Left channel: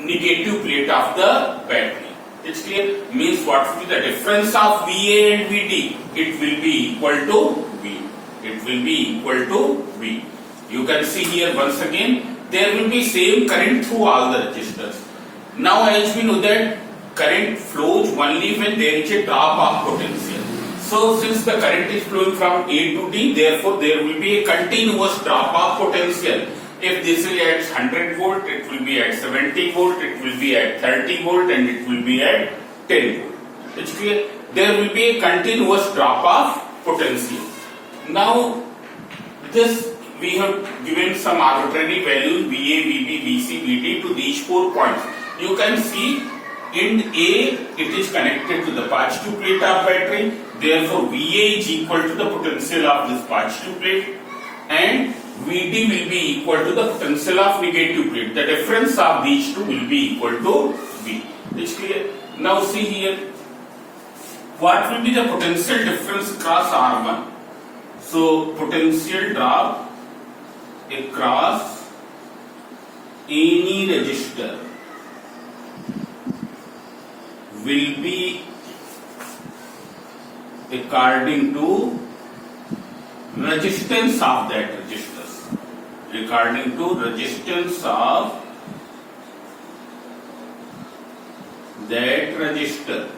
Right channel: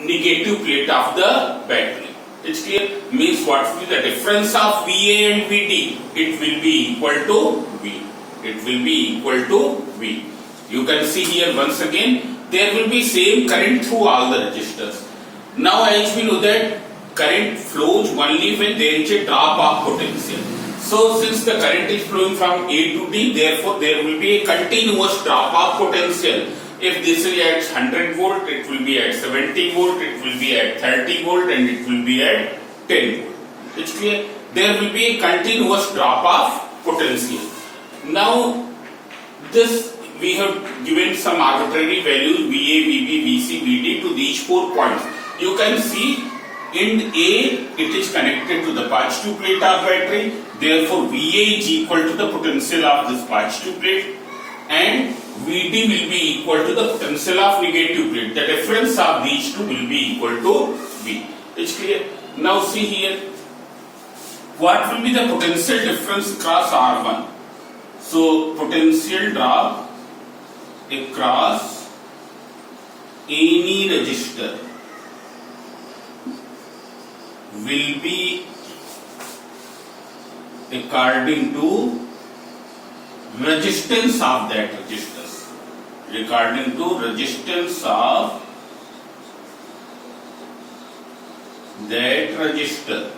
negative plate of the battery. It's clear? Means what will be the difference of VA and VT? It will be equal to V. It will be equal to V. You can see here once again, there will be same current through all the resistors. Now as we know that current flows only when there is a drop of potential. So since the current is flowing from A to D, therefore there will be a continuous drop of potential. If this is at 100 volt, it will be at 70 volt, it will be at 30 volt, and it will be at 10 volt. It's clear? There will be a continuous drop of potential. Now, this we have given some arbitrary values VA, VB, VC, VD to these 4 points. You can see in A it is connected to the positive plate of battery. Therefore, VA is equal to the potential of this positive plate, and VD will be equal to the potential of negative plate. The difference of these two will be equal to V. It's clear? Now see here, what will be the potential difference across R1? So potential drop across any resistor will be according to resistance of that resistor. According to resistance of that resistor.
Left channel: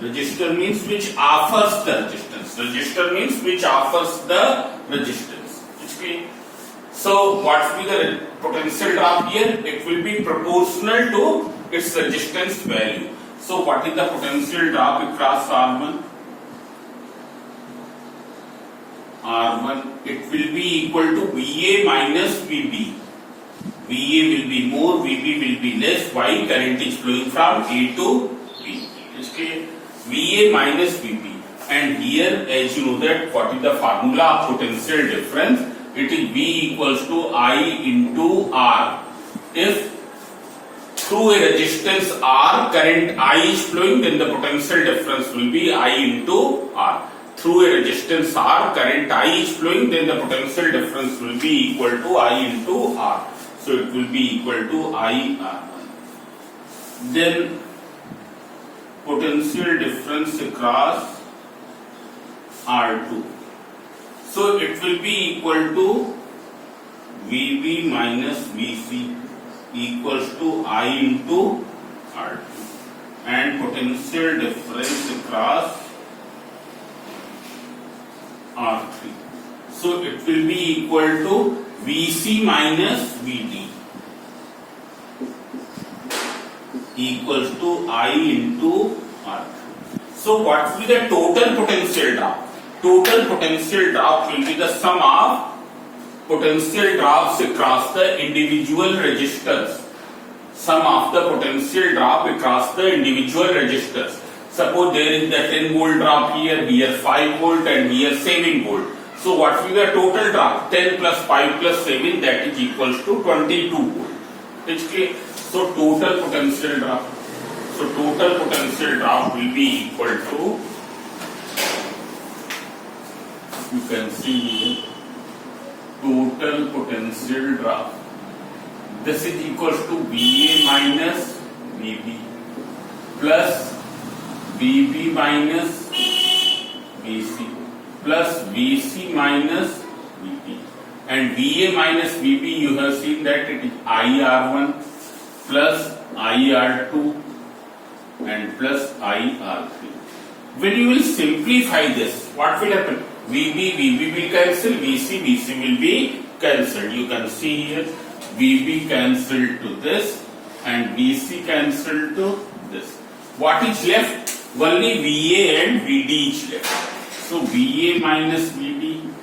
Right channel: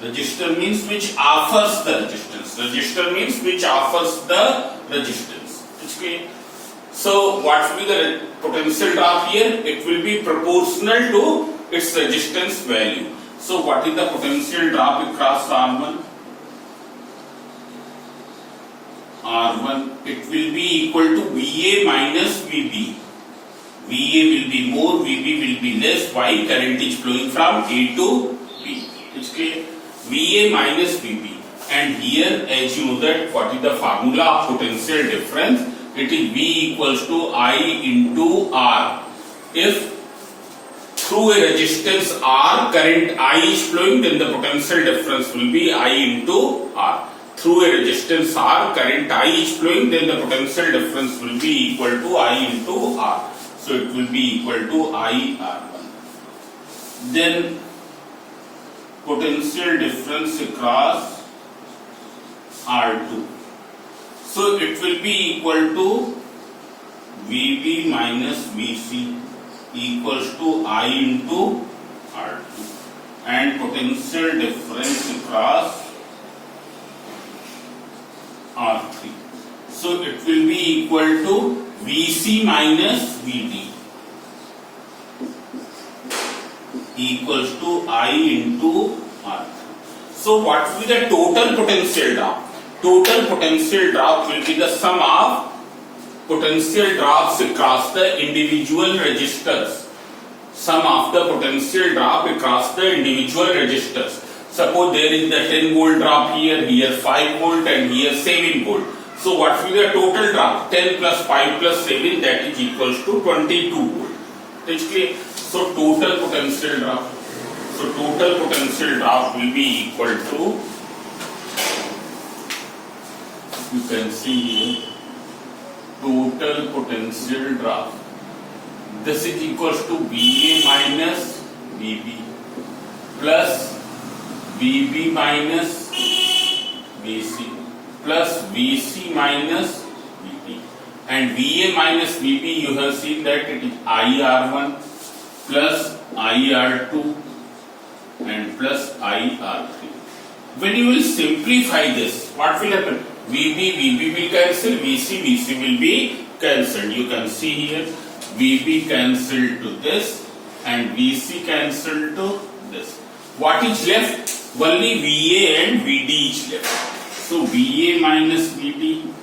Resistor means which offers the resistance. Resistor means which offers the resistance. It's clear? So what will be the potential drop here? It will be proportional to its resistance value. So what is the potential drop across R1? R1, it will be equal to VA minus VB. VA will be more, VB will be less. Why? Current is flowing from A to B. It's clear? VA minus VB. And here, as you know that, what is the formula of potential difference? It is V equals to I into R. If through a resistance R, current I is flowing, then the potential difference will be I into R. Through a resistance R, current I is flowing, then the potential difference will be equal to I into R. So it will be equal to I R1. Then potential difference across R2. So it will be equal to VB minus VC equals to I into R2. And potential difference across R3. So it will be equal to VC minus VD equals to I into R3. So what will be the total potential drop? Total potential drop will be the sum of potential drops across the individual resistors. Sum of the potential drop across the individual resistors. Suppose there is the 10 volt drop here, here 5 volt and here 7 volt. So what will be the total drop? 10 plus 5 plus 7, that is equals to 22 volt. It's clear? So total potential drop. So total potential drop will be equal to, you can see here, total potential drop. This is equals to VA minus VB plus VB minus VC plus VC minus VB. And VA minus VB, you have seen that it is IR1 plus IR2 and plus IR3. When you will simplify this, what will happen? VB will cancel, VC will be cancelled. You can see here, VB cancelled to this and VC cancelled to this. What is left? Only VA and VD is left. So VA minus VD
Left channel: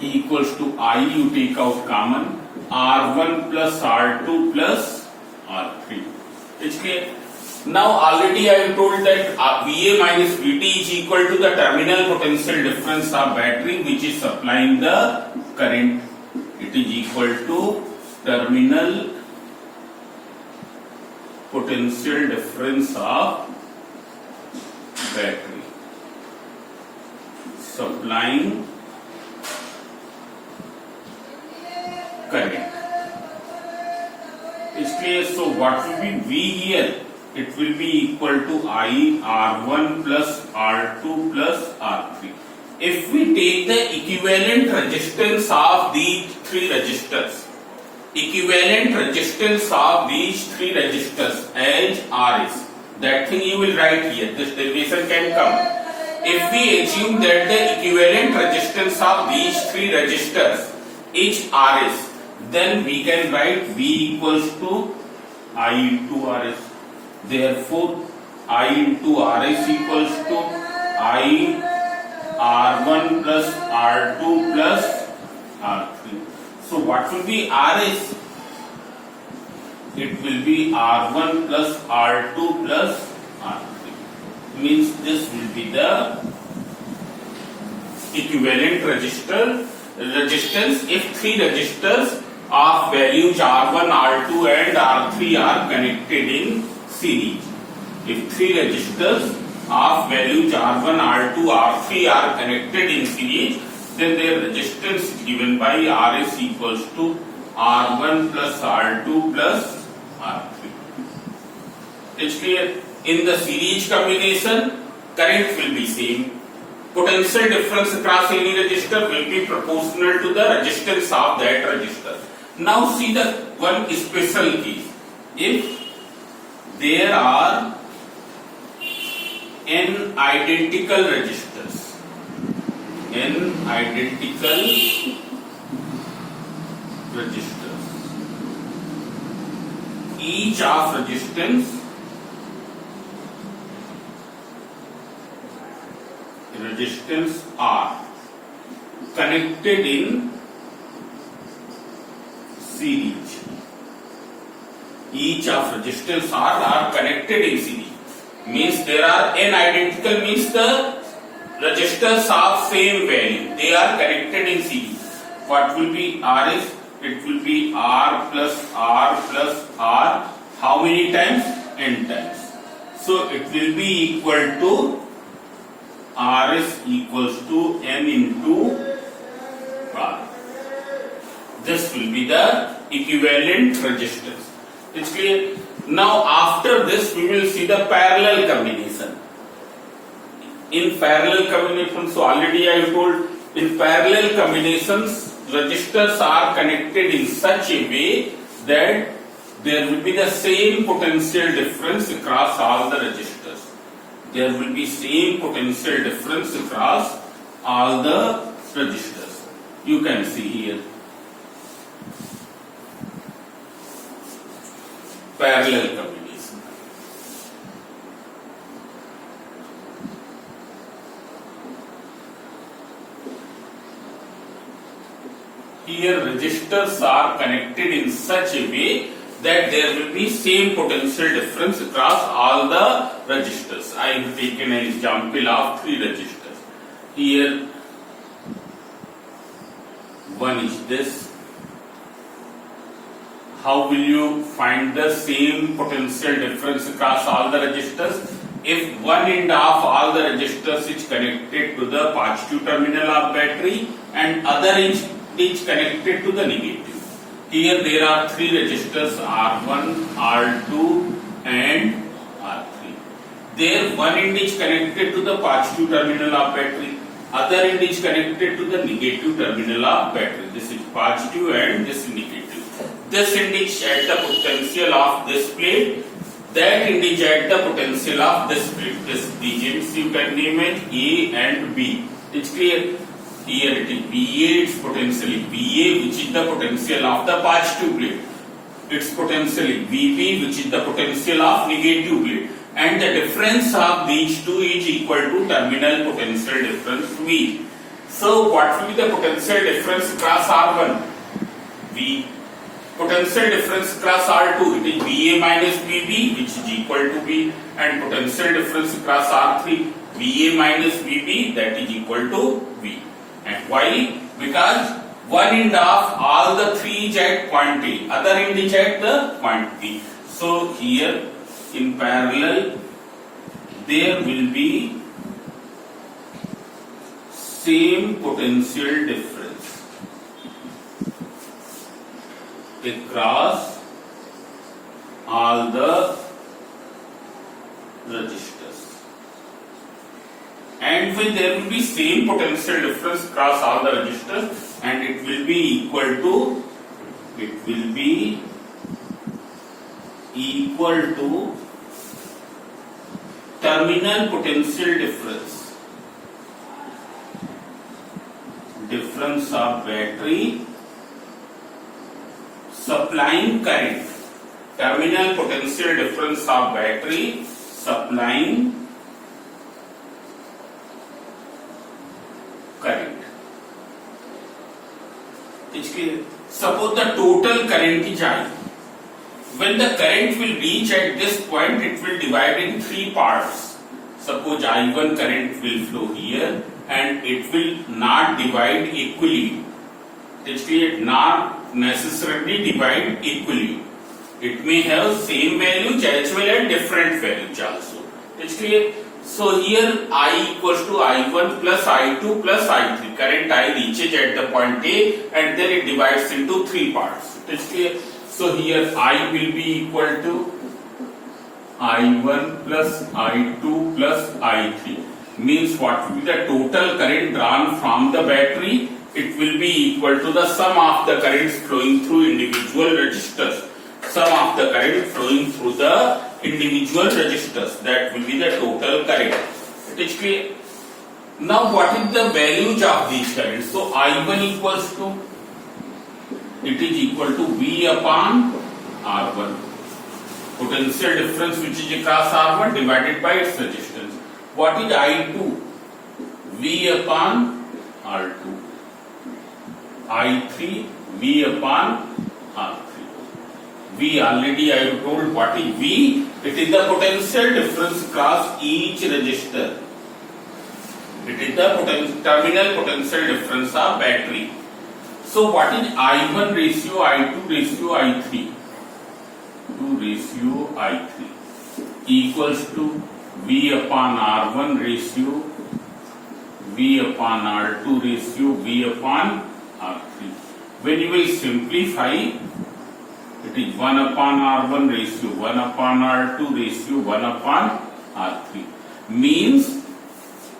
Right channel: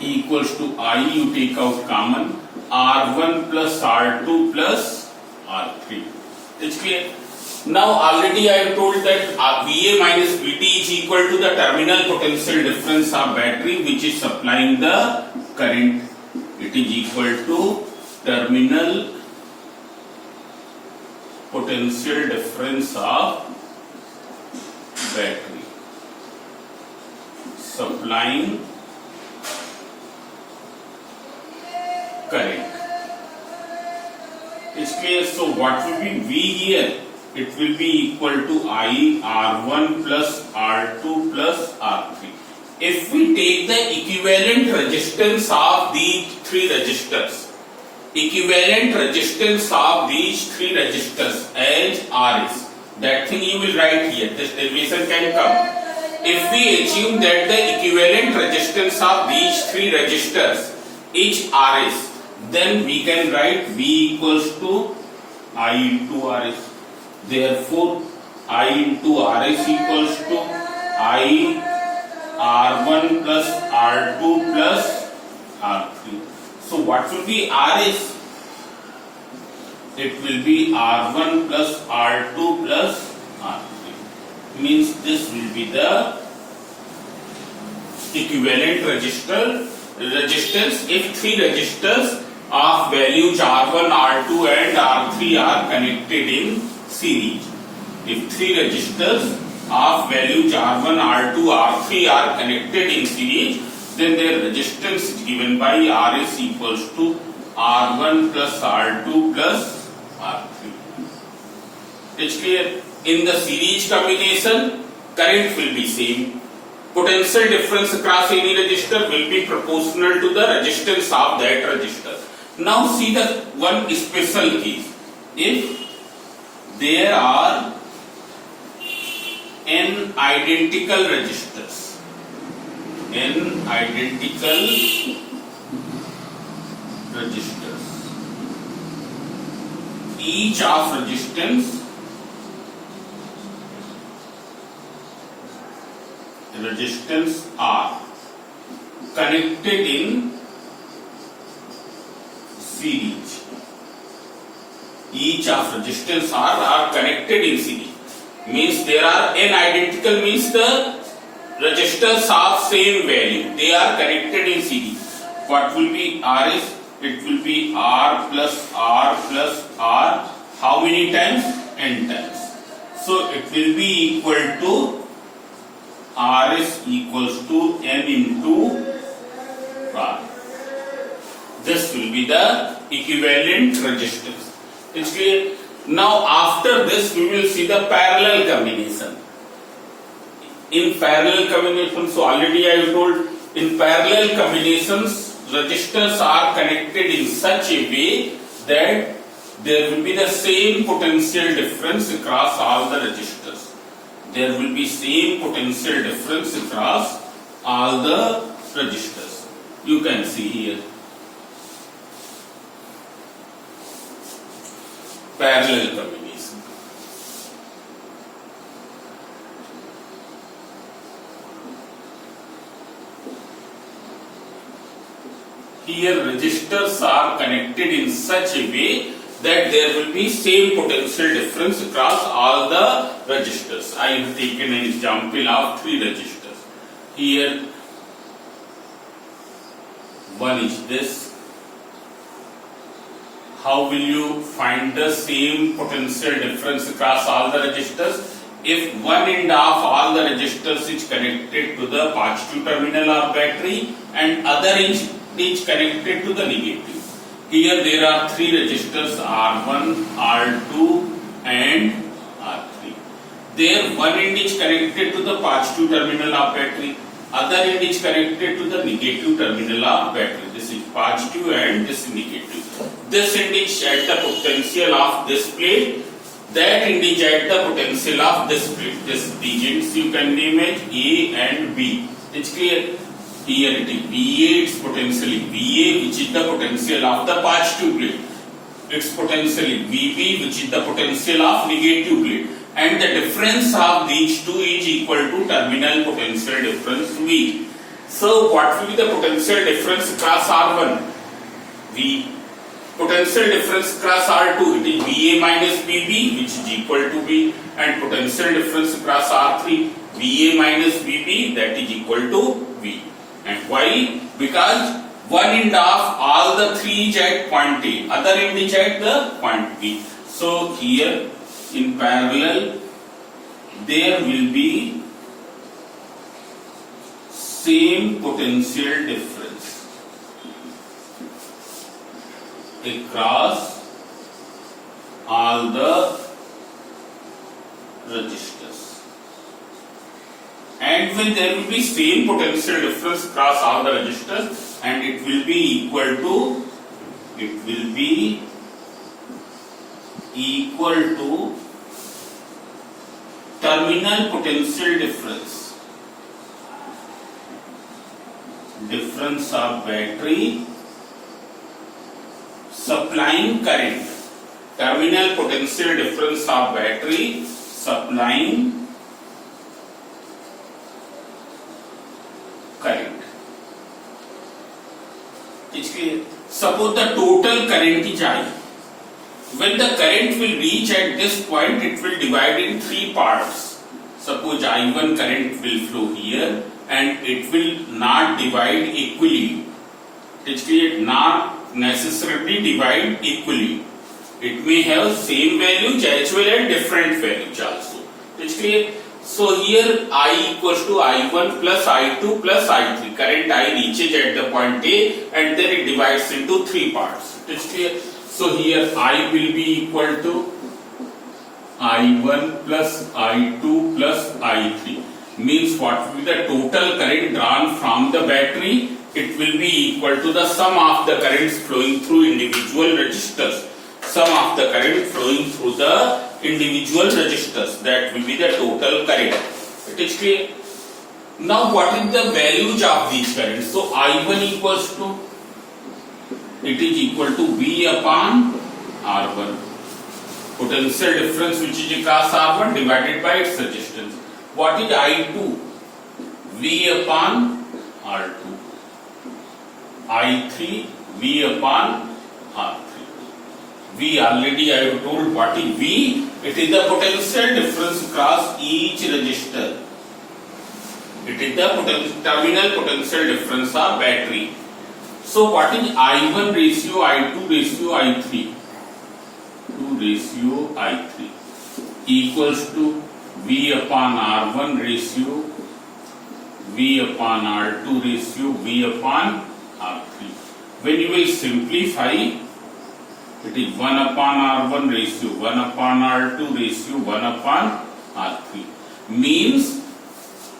equals to I, you take out common, R1 plus R2 plus R3. It's clear? Now already I have told that VA minus VT is equal to the terminal potential difference of battery which is supplying the current. It is equal to terminal potential difference of battery supplying current. clear? So what will be V here? It will be equal to I R1 plus R2 plus R3. If we take the equivalent resistance of these three resistors, as R is, that thing you will write here, this derivation can come. If we assume that the equivalent resistance of these three resistors is Rs, then we can write V equals to I into Rs. Therefore, I into Rs equals to I R1 plus R2 plus R3. So what will be Rs? It will be R1 plus R2 plus R3. Means this will be the equivalent resistance if three resistors of values R1, R2 and R3 are connected in series. If three resistors of values R1, R2, R3 are connected in series, then their resistance is given by Rs equals to R1 plus R2 plus R3. It's clear? In the series combination, current will be same. Potential difference across any resistor will be proportional to the resistance of that resistor. Now see the one special case. If there are n identical resistors, each of resistance are connected in series. Each of resistance are connected in series. Means there are n identical, means the resistors of same value, they are connected in series. What will be Rs? It will be R plus R plus R. How many times? N times. So it will be equal to Rs equals to N into R. This will be the equivalent resistance. It's clear? Now after this we will see the parallel combination. In parallel combination, so already I told, in parallel combinations resistors are connected in such a way that there will be the same potential difference across all the resistors. There will be same potential difference across all the resistors. You can see here. Parallel combination. Here resistors are connected in such a way that there will be same potential difference across all the resistors. I have taken an example of three resistors. Here one is this. How will you find the same potential difference across all the resistors? If one end of all the resistors is connected to the positive terminal of battery and other end is connected to the negative. Here there are three resistors R1, R2 and R3. There one end is connected to the positive terminal of battery, other end is connected to the negative terminal of battery. This is positive and this is negative. This end is at the potential of this plate, that end is at the potential of this plate. This digits you can name it A and B. It's clear? Here it is VA, it's potentially VA, which is the potential of the positive plate. It's potentially VB, which is the potential of negative plate. And the difference of these two is equal to terminal potential difference V. So what will be the potential difference across R1? V. Potential difference across R2, it is VA minus VB, which is equal to V. And potential difference across R3, VA minus VB, that is equal to V. And why? Because one end of all the three is at point A, other end is at the point B. So here in parallel there will be same potential difference across all the resistors. And when there will be same potential difference across all the resistors, and it will be equal to terminal potential difference of battery supplying current. Terminal potential difference of battery supplying current. It's clear. Suppose the total current is I. When the current will reach at this point, it will divide in three parts. Suppose I1 current will flow here and it will not divide equally. It's clear, not necessarily divide equally. It may have same values as well as different values also. It's clear. So here I equals to I1 plus I2 plus I3. Current I reaches at the point A and then it divides into three parts. It's clear. So here I will be equal to I1 plus I2 plus I3. Means what will be the total current drawn from the battery? It will be equal to the sum of the currents flowing through individual resistors. Sum of the current flowing through the individual resistors. That will be the total current. It is clear. Now what is the values of these currents? So I1 equals to, it is equal to V upon R1. Potential difference which is across R1 divided by its resistance. What is I2? V upon R2. I3 V upon R3. V already I have told what is V. It is the potential difference across each resistor. It is the terminal potential difference of battery. So what is I1 ratio, I2 ratio, I3? 2 ratio I3 equals to V upon R1 ratio, V upon R2 ratio, V upon R3. When you will simplify, it is 1 upon R1 ratio, 1 upon R2 ratio, 1 upon R3. Means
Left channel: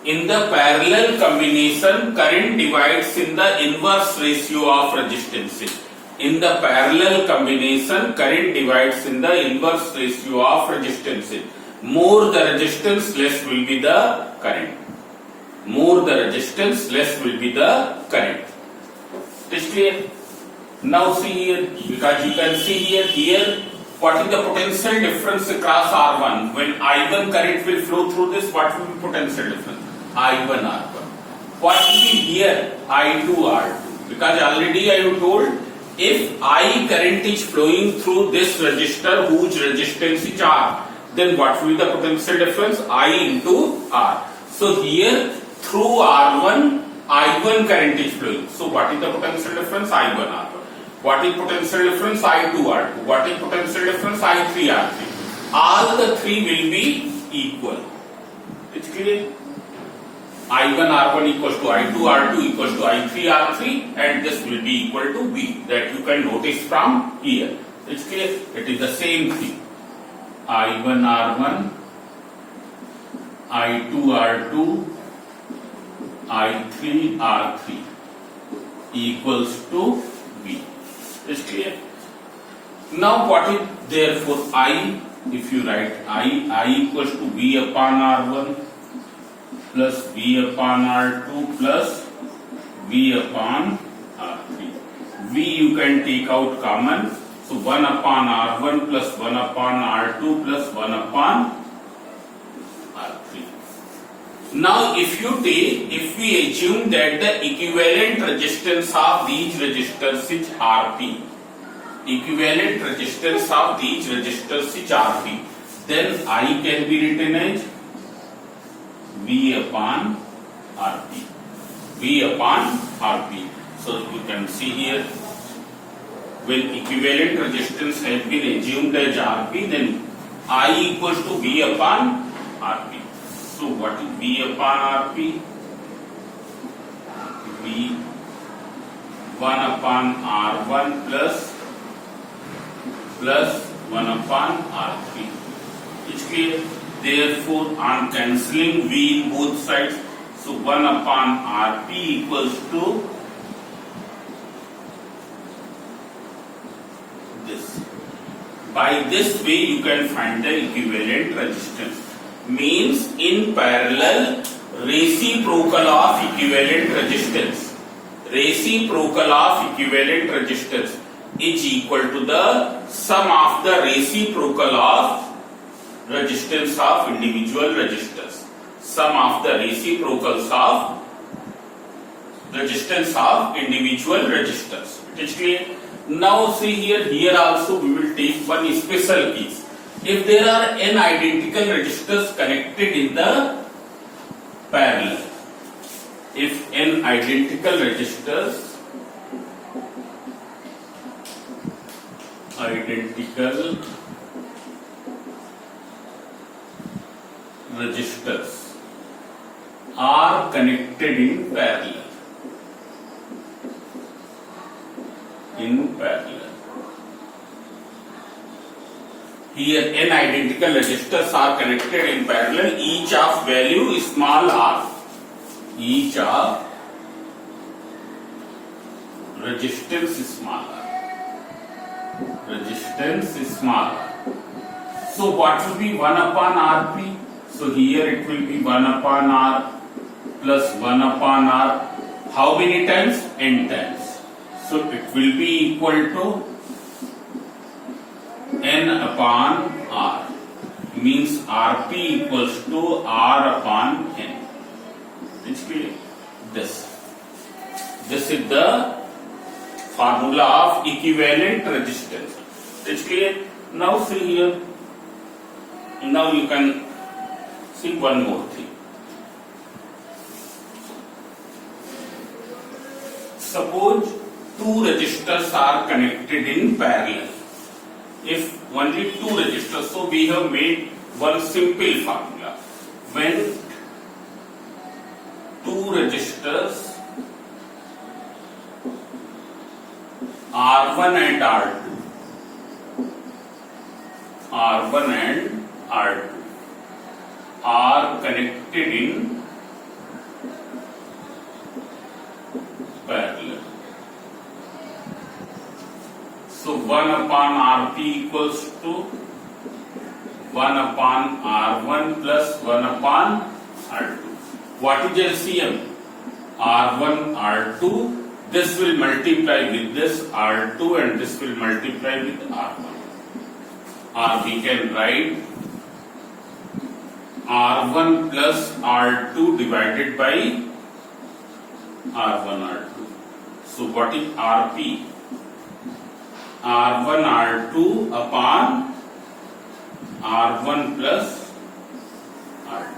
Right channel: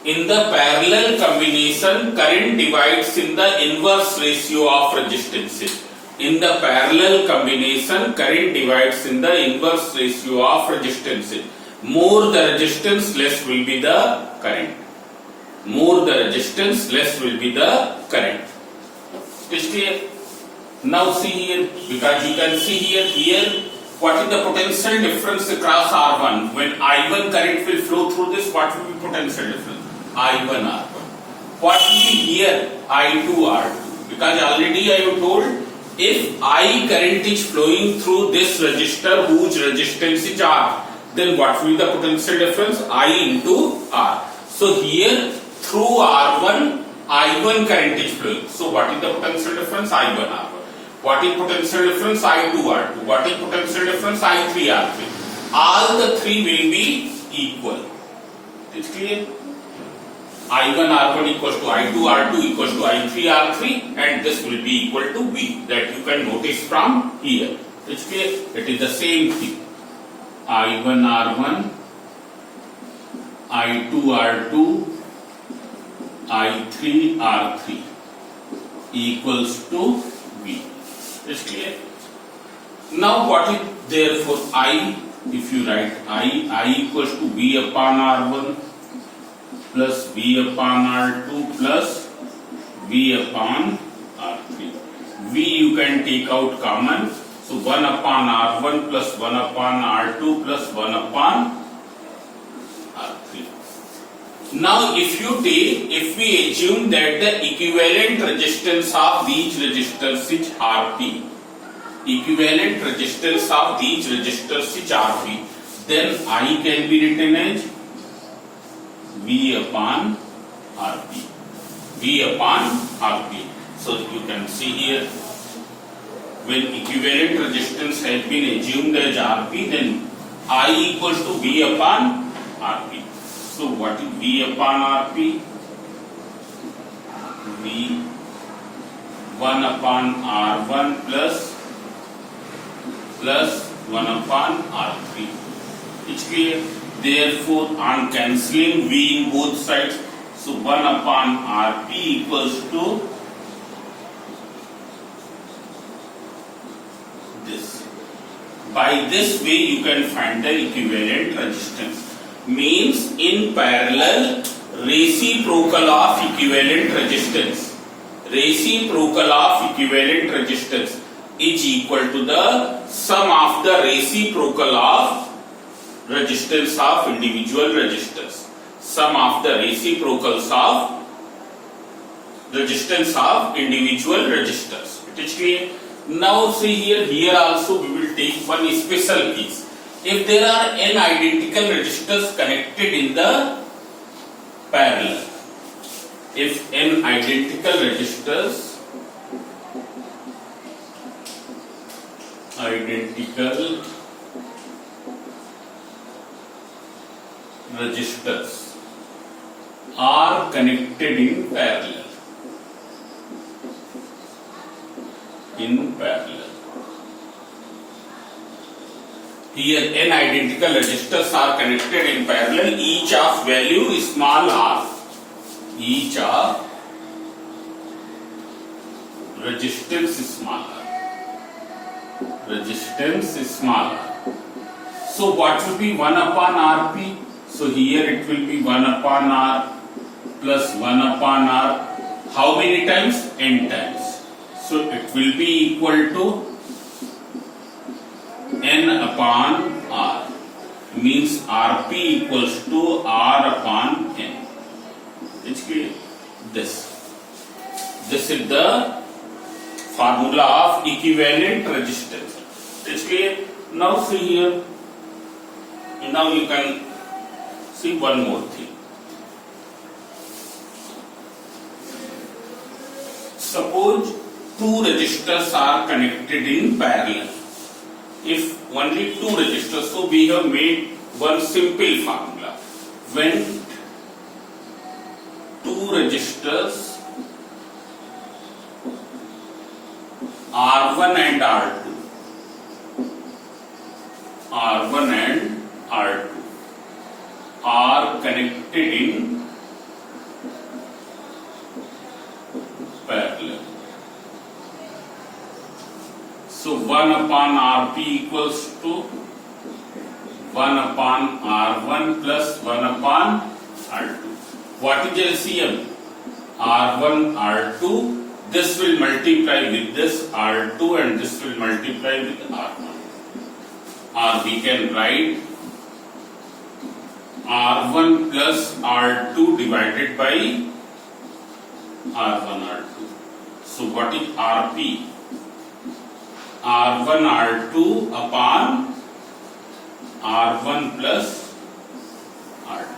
in the parallel combination, current divides in the inverse ratio of resistances. In the parallel combination, current divides in the inverse ratio of resistances. More the resistance, less will be the current. More the resistance, less will be the current. Is clear? Now see here, because you can see here, what is the potential difference across R1? When I1 current will flow through this, what will be potential difference? I1 R1. What will be here? I2 R2. Because already I have told, if I current is flowing through this resistor whose resistance is R, then what will be the potential difference? I into R. So here through R1, I1 current is flowing. So what is the potential difference? I1 R1. What is potential difference? I2 R2. What is potential difference? I3 R3. All the three will be equal. It's clear? I1 R1 equals to I2 R2 equals to I3 R3, and this will be equal to V. That you can notice from here. It's clear? It is the same thing. I1 R1, I2 R2, I3 R3 equals to V. It's clear? Now what is therefore I, if you write I equals to V upon R1 plus V upon R2 plus V upon R3. V you can take out common. So 1 upon R1 plus 1 upon R2 plus 1 upon R3. Now if we assume that the equivalent resistance of these resistors is Rp, equivalent resistance of these resistors is Rp, then I can be written as V upon Rp. V upon Rp. So you can see here, when equivalent resistance has been assumed as Rp, then I equals to V upon Rp. So what is V upon Rp? V 1 upon R1 plus 1 upon R3. It's clear. Therefore, on cancelling V in both sides, so 1 upon Rp equals to this. By this way, you can find the equivalent resistance. Means in parallel, reciprocal of equivalent resistance. Reciprocal of equivalent resistance is equal to the sum of the reciprocal of resistance of individual resistors. Sum of the reciprocals of resistance of individual resistors. It is clear. Now see here also we will take one special case. If there are n identical resistors connected in the parallel, if n identical resistors are connected in parallel. Here n identical resistors are connected in parallel, each of value small r. Each of resistance is small r. Resistance is small r. So what will be 1 upon Rp? So here it will be 1 upon R plus 1 upon R. How many times? N times. So it will be equal to N upon R. Means Rp equals to R upon N. It's clear. This is the formula of equivalent resistance. It's clear. Now see here. Now you can see one more thing. Suppose two resistors are connected in parallel. If only two resistors, so we have made one simple formula. When two resistors R1 and R2 are connected in parallel. So 1 upon Rp equals to 1 upon R1 plus 1 upon R2. What is LCM? R1, R2. This will multiply with this R2 and this will multiply with R1. Or we can write R1 plus R2 divided by R1, R2. So what is Rp? R1, R2 upon R1 plus R2.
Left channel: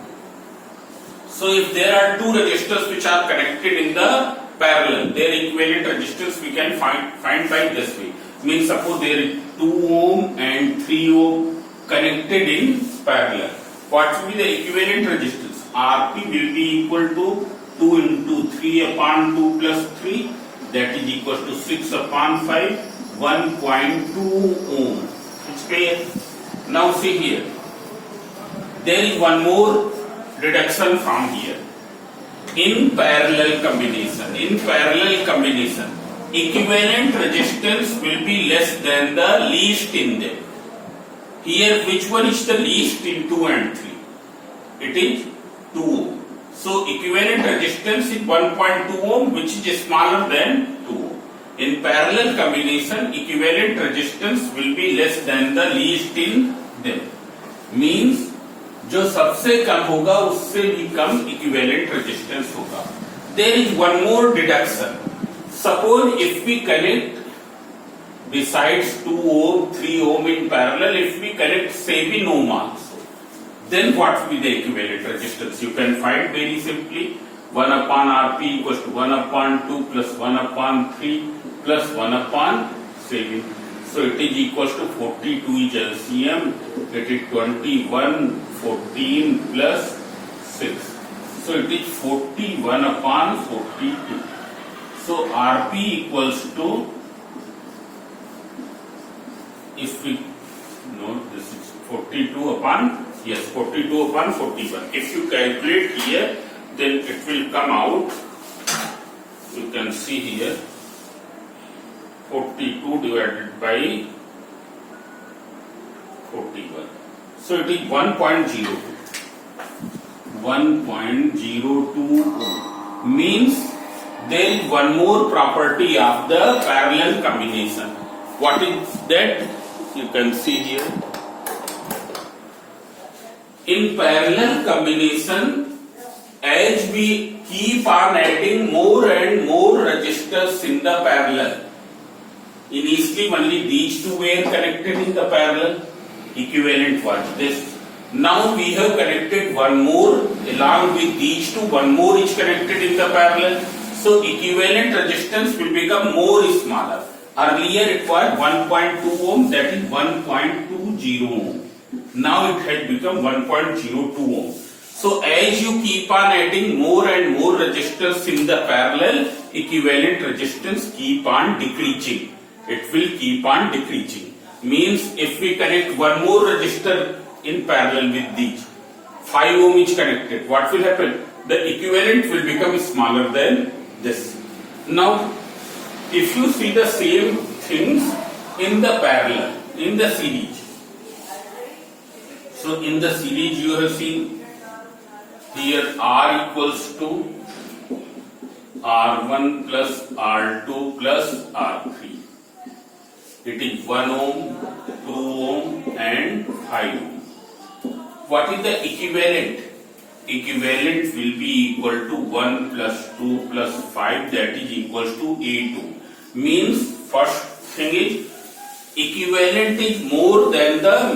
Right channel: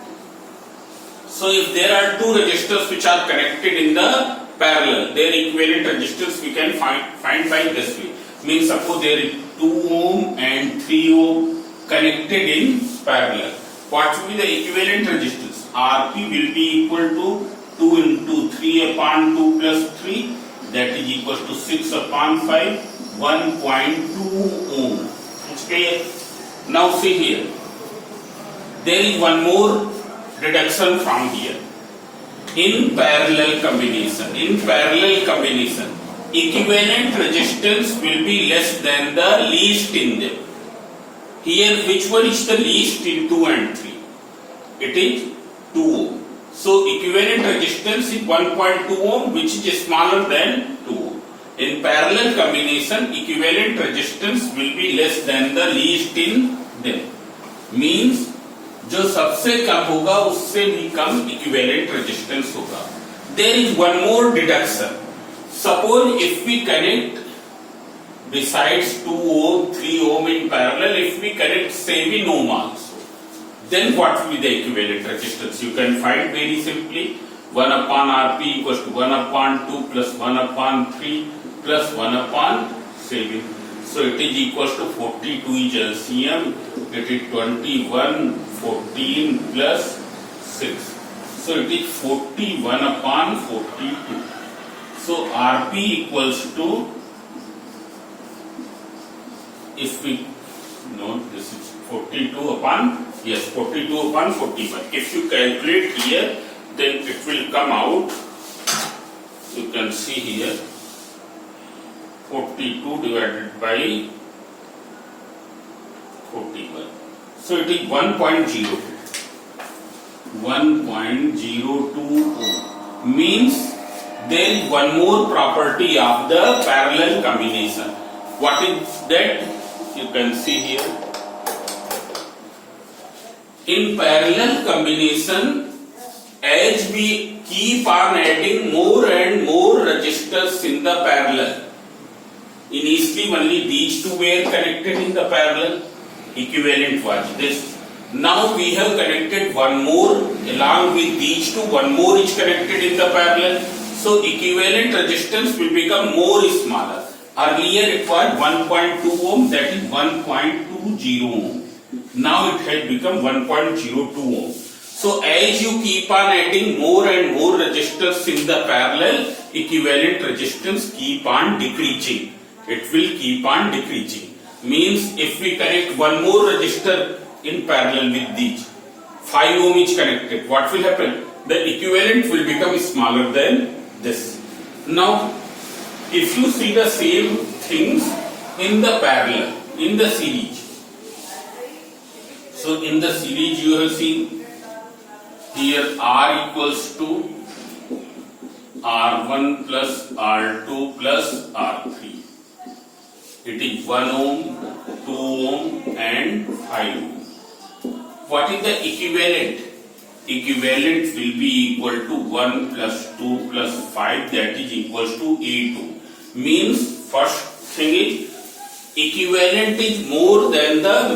So if there are two resistors which are connected in the parallel, their equivalent resistance we can find by this way. Means suppose there is 2 ohm and 3 ohm connected in parallel. What will be the equivalent resistance? Rp will be equal to 2 into 3 upon 2 plus 3, that is equal to 6 upon 5, 1.2 ohm. It's clear. Now see here. There is one more deduction from here. In parallel combination, equivalent resistance will be less than the least in them. Here, which one is the least in 2 and 3? It is 2 ohm. So, equivalent resistance is 1.2 ohm, which is smaller than 2 ohm. In parallel combination, equivalent resistance will be less than the least in them. Means, जो सबसे कम होगा उससे भी कम equivalent resistance होगा. There is one more deduction. Suppose if we connect besides 2 ohm, 3 ohm in parallel, if we connect 7 ohm also, then what will be the equivalent resistance? You can find very simply 1 upon Rp equals to 1 upon 2 plus 1 upon 3 plus 1 upon 7. So it is equals to 42 is LCM. It is 21, 14 plus 6. So it is 41 upon 42. So Rp equals to, if we No, this is 42 upon, yes, 42 upon 41. If you calculate here, then it will come out, you can see here, 42 divided by 41. So it is 1.02. 1.02 means there is one more property of the parallel combination. What is that? You can see here. In parallel combination, as we keep on adding more and more resistors in the parallel, initially only these two were connected in the parallel, equivalent was this. Now we have connected one more along with these two, one more is connected in the parallel. So equivalent resistance will become more smaller. Earlier it was 1.2 ohm, that is 1.20 ohm. Now it has become 1.02 ohm. So as you keep on adding more and more resistors in the parallel, equivalent resistance keep on decreasing. It will keep on decreasing. Means if we connect one more resistor in parallel with these, 5 ohm is connected, what will happen? The equivalent will become smaller than this. Now, if you see the same things in the parallel, in the series. So in the series you have seen here R equals to R1 plus R2 plus R3. It is 1 ohm, 2 ohm and 5 ohm. What is the equivalent? Equivalent will be equal to 1 plus 2 plus 5, that is equals to 8 ohm. Means first thing is equivalent is more than the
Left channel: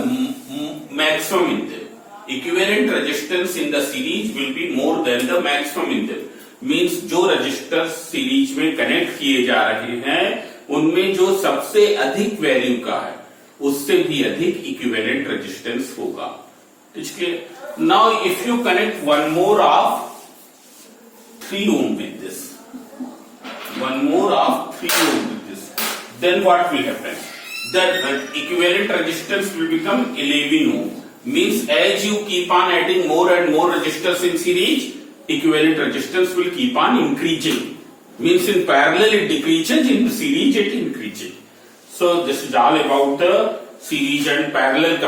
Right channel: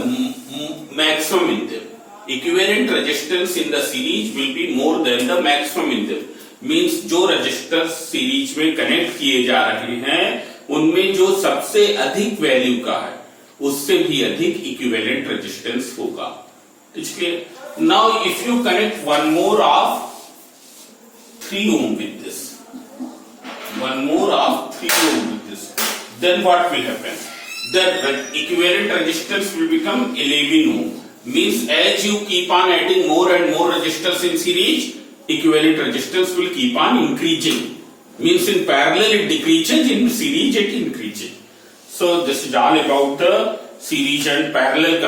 maximum in them. Equivalent resistance in the series will be more than the maximum in them. Means जो register series में connect किए जा रहे हैं उनमें जो सबसे अधिक वैल्यू का है उससे भी अधिक इक्विवेलेंट रेजिस्टेंस होगा. ठीक है. Now if you connect one more of 3 ohm with this, one more of 3 ohm with this, then what will happen? The equivalent resistance will become 11 ohm. Means as you keep on adding more and more resistors in series, equivalent resistance will keep on increasing. Means in parallel it decreases, in series it increases. So this is all about the series and parallel